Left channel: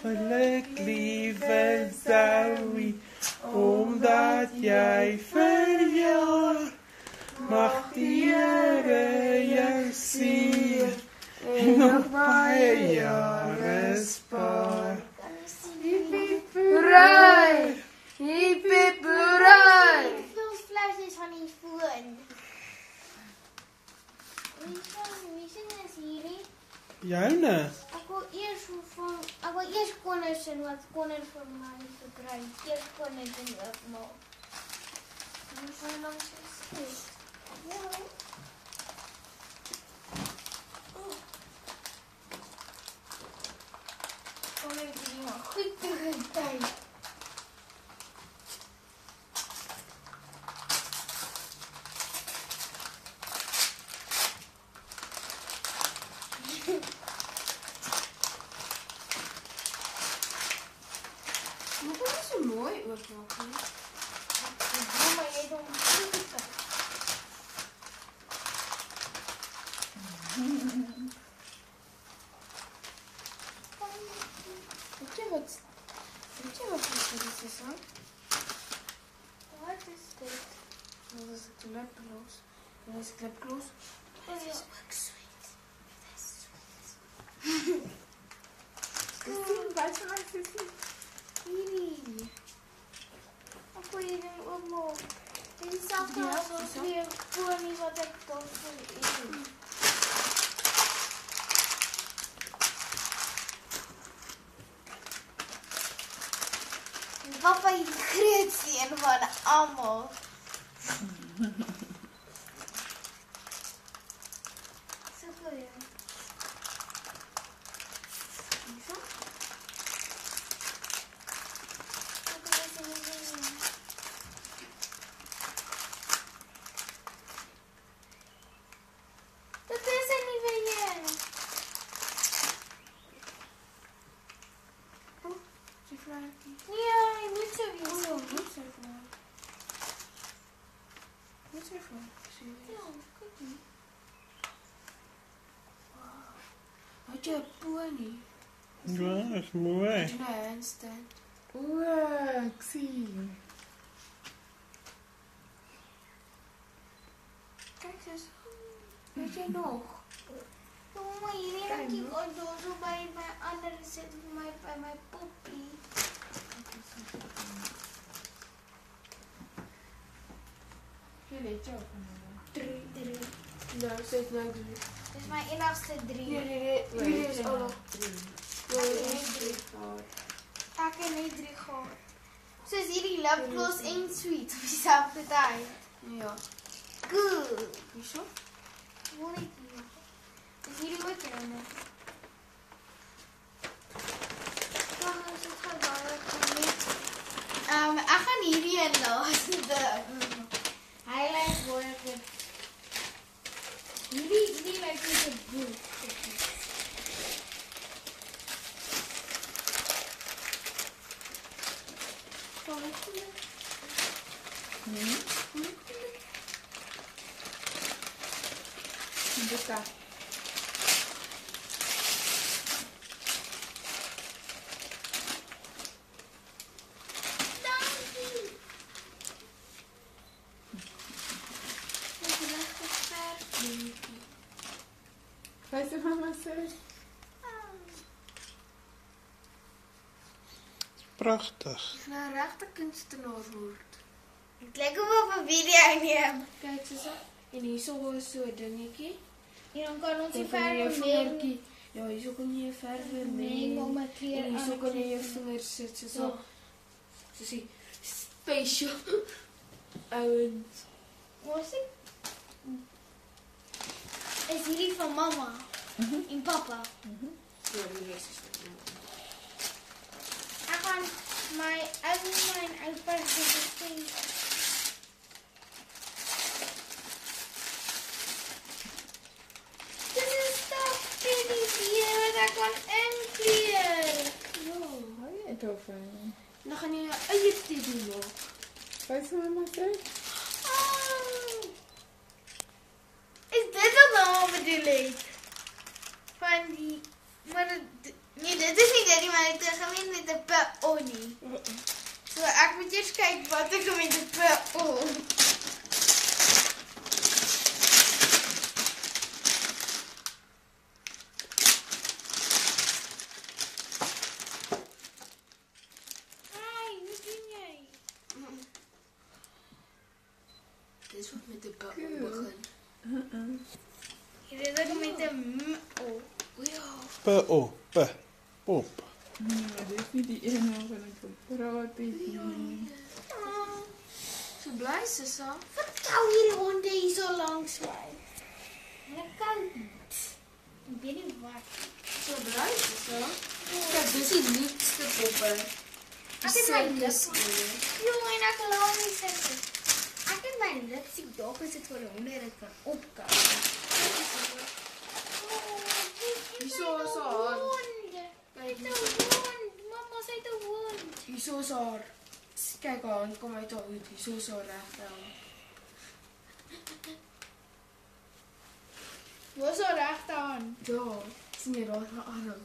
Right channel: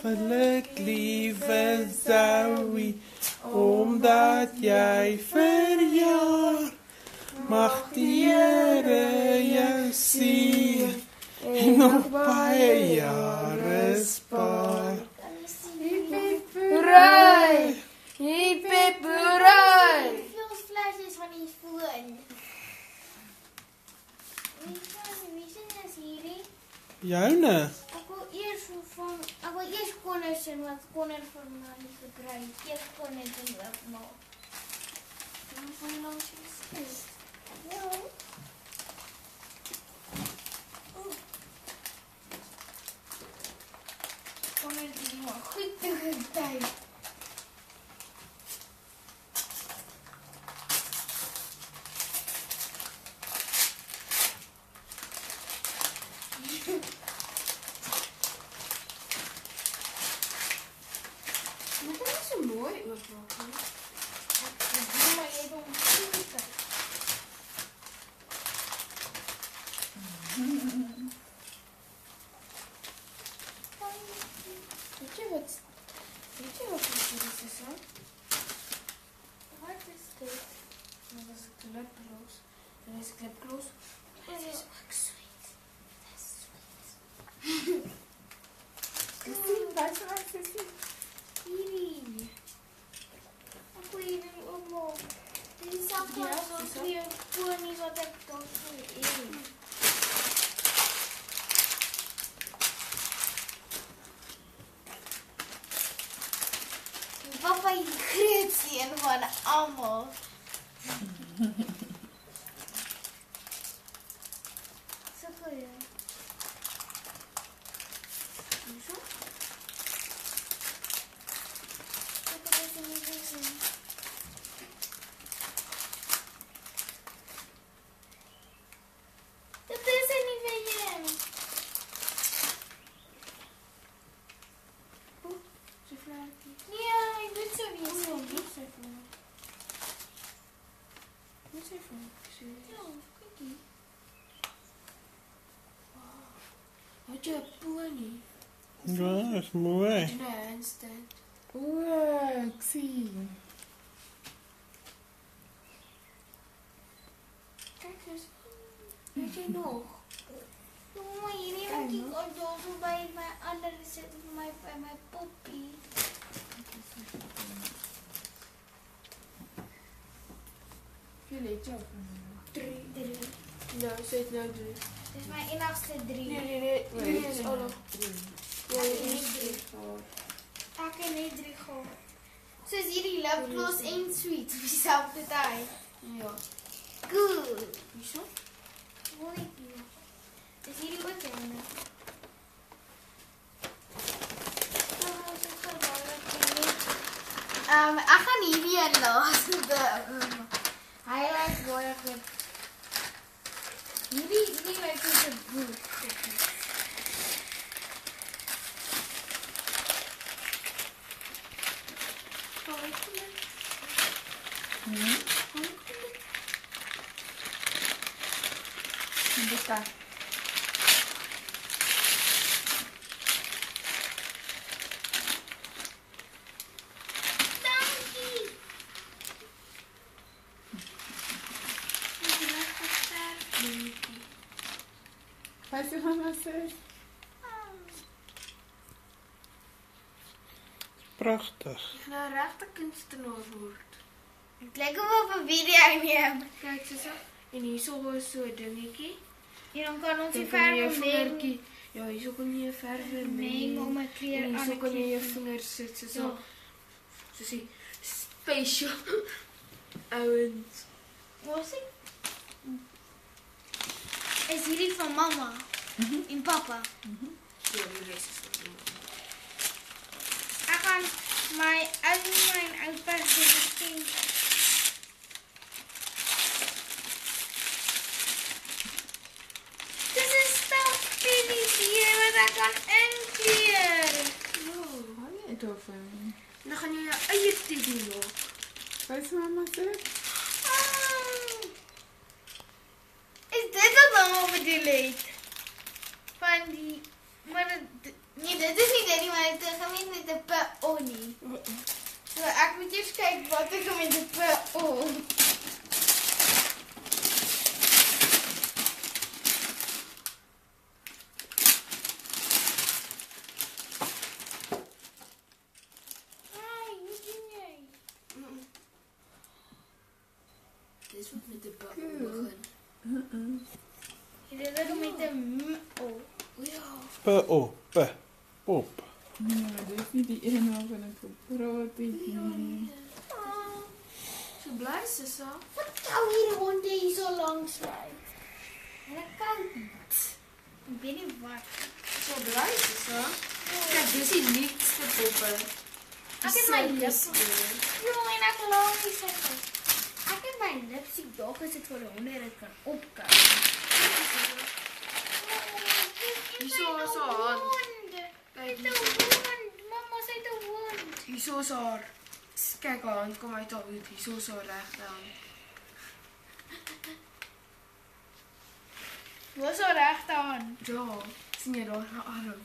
Geluk, lieve Zoe, omdat jij verjaart. Mag die Here jou sien en nog baie jare spaar. Hip hip hooray! Hip hip hooray! Hoeveel flesjes van die foon? Wie sing is hierdie? Joune. Ek wil eers Connor sing, wat Connor vir my gekry. Eers Connor sing ook maar. Dan voel jy langs jy sê. Ja. Connor is die maar goed te getyd. Moet dat so mooi oopmaak nie? Ek doen maar jy doen goed te kyk. Weet jy wat dit is aan? Wat is dit? Dat is 'n lipgloss. Dit is 'n lipgloss. Dit is ook sweet. Dit is sweet. Wat van my sussie? Hierdie. Ek wil hierdie oopmaak. Dit is selfs as die fonie wat ek daar van eet. Papa is die grootste een van almal. So goed. Hierso. Ek het dit nie gesien. Dit is 'n nuwe een. Jy vra Ja, jy moet so wees. Wat sê jy? Wat sê jy? Ja, kyk hier. Wat jy 'n pony? Ja, is mooi. In 'n handstand. O, ek sien. Kyk eens. Weet jy nog? Kom maar hierdie wat ek al so by my ander sit vir my by my poppie. Jy let jou. 3. Nou, sê nou 3. Dis my enigste 3. Nee, is al nog 3. Ek het net 3 gehad. Soos hierdie lipgloss en sweet op dieselfde tyd. Ja. Cool. Hierso? Wil net nie. Dis hierdie ook joune. Is dit gedaar ek gaan hierdie een laaste. Hy is baie goed. Hierdie lyk soos 'n boek. Dis daar. Dankie. Dis lekker sterk. Wat is mama sê? Pragtig. Nou regte kunstenaar word. Ek lyk of 'n video neem. Kyk so. En hierso is so 'n dingetjie. En dan kan ons die Dan kan jy jou verf vingertjie. Ja, hierso kan jy jou verwe meng om 'n kleur En aan hierso te kan jy jou kleur. vingers sit so. Ja. Soos die special ouens. Was dit? Is hierdie van mamma en papa? Ja, die res is dit. Ek gaan my ouma en oupa se geskenk. Dis 'n stappies hier wat ek kan inkleur. Ja, hou jy daarvan? dan gaan jy jou eie teddy maak. Wat is mama sê? Is dit wat mamma bedoel het? Van die... Maar nee, dit is nie dit nie, maar het is moet eers kyk wat ek met die PO. Hey, wat doen jy? Dis wat met die PO Cool. begin. Hier is ek met 'n MO. O ja. P-O. P. Pop. Nee, dit is nie die een waarvan ek gepraat het nie. So bly Sissa. Wat kou hierdie honde hier so langs my? Hulle kou iets. Ek weet nie wat. So bly Sissa. Kyk, dis die liefste poppe. Ek het my lips. Jong, en ek laat nie sê. Ek het my lips die dalk as dit vir 'n honde dit kan opkou. Hierso is haar hand. Kyk, Dit is 'n hond. Mamma sê dit 'n hond. hierso is haar. Kyk, haar hand kom uit haar hoed. Hierso is haar regte hand. Waar is haar regte hand? Ja, sien jy daar haar arm?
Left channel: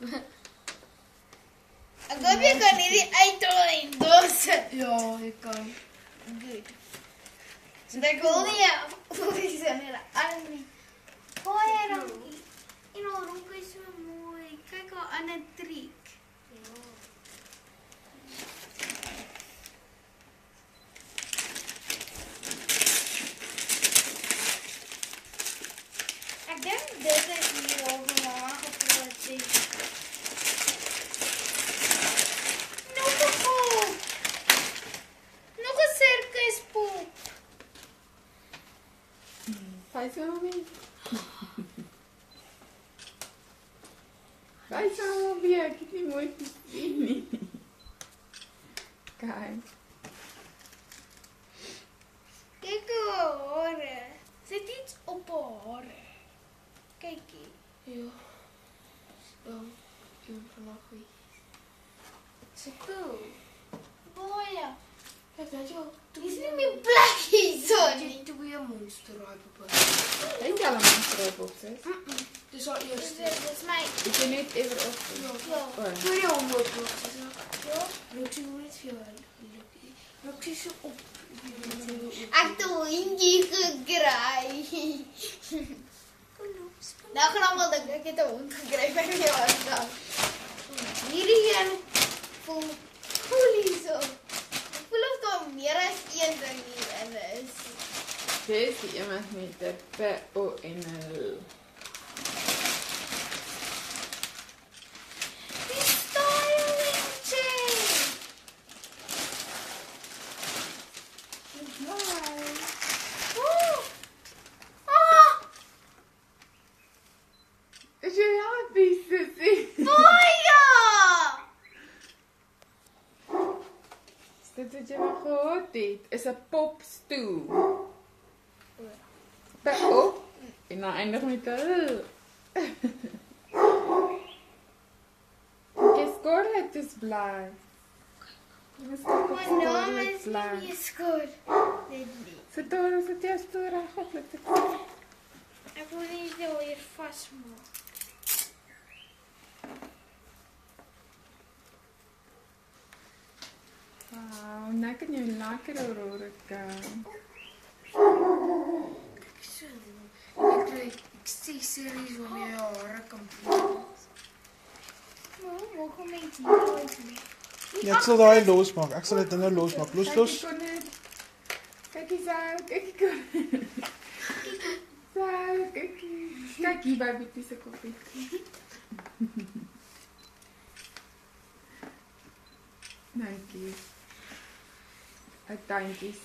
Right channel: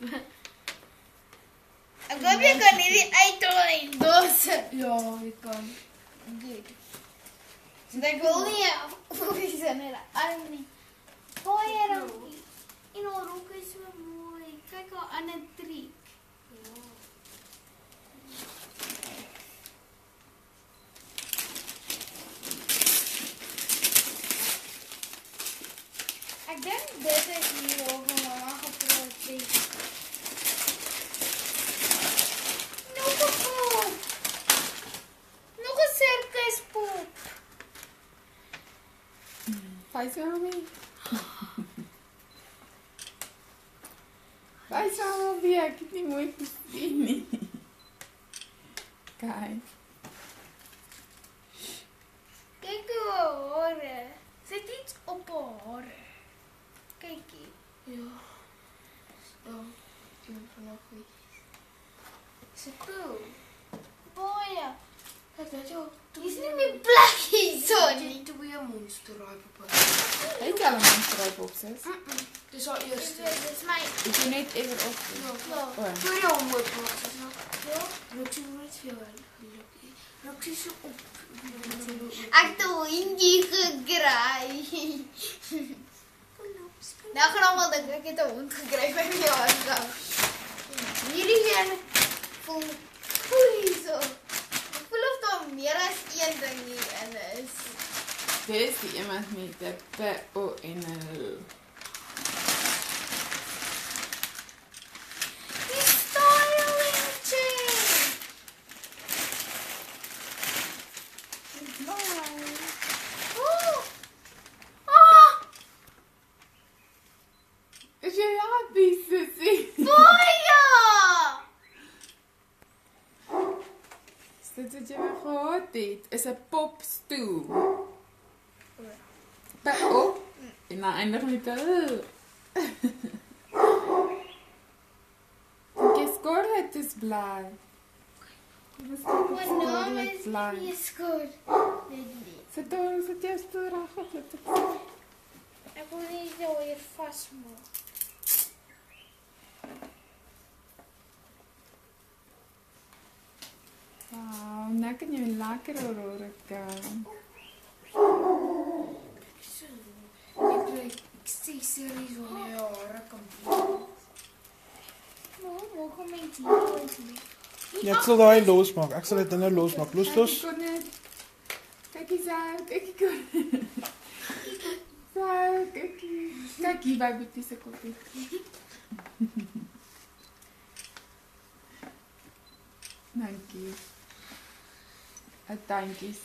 Ek hoop jy kan hierdie uithaal en dosse. Ja, ek kan. Good. So ek wil nie fokus aan hulle arm nie. Baie dankie. En haar rok is so mooi. Kyk haar ander triek. Ek dink dit is hier waar mamma gepraat het. Nog 'n pop. Nog 'n sirkuspop. Wys nou mee. Wys nou mee, ek het nie mooi gesien nie. Kyk. Kyk hoe haar hare. Sit iets op haar hare. Kykie. Ja. Ja, ek moet vandag weer. So cool. Baie. Kijk, dat is ook. Dis nie meer plek hierso nie. Niet te weer monster raai, papa. Hy het al 'n monster op sis. Dis haar Dis eerste. dis my. Ek het net ewer op. Ja. Voor jou mooi plaats. Ja. Roxy nooit veel gelukkig. Roxy so op. Ek het 'n hondjie gekry. Nou gaan almal dink ek het 'n hond gekry by my huis. Hierdie een voel cool hierso. Ek voel of daar meer as een ding hierin is. Dis die iemand met die P-O-N-L. Die styling chain. Oh. Ah, Is jy happy, sissie? baie. Dit wat jy wel gehad het, is 'n popstoel. P-O en dan eindig met 'n L. Jy skoor het is bly. My naam is nie skoon. Dit nie. Sit daar, sit jy stoel reg op met dit. Ek wil nie so hier vasmaak. Wow, nou kan jy lekker oor kan. Ik krijg accessories wanneer je haren kan doen. Nou, mogen mense nooit nie. Jy sal daai losmaak. Ek sal dit nou losmaak. Los. Kyk hier so, kyk hier. So, kyk hier by Boetie se koppie. Dankie. Dankies.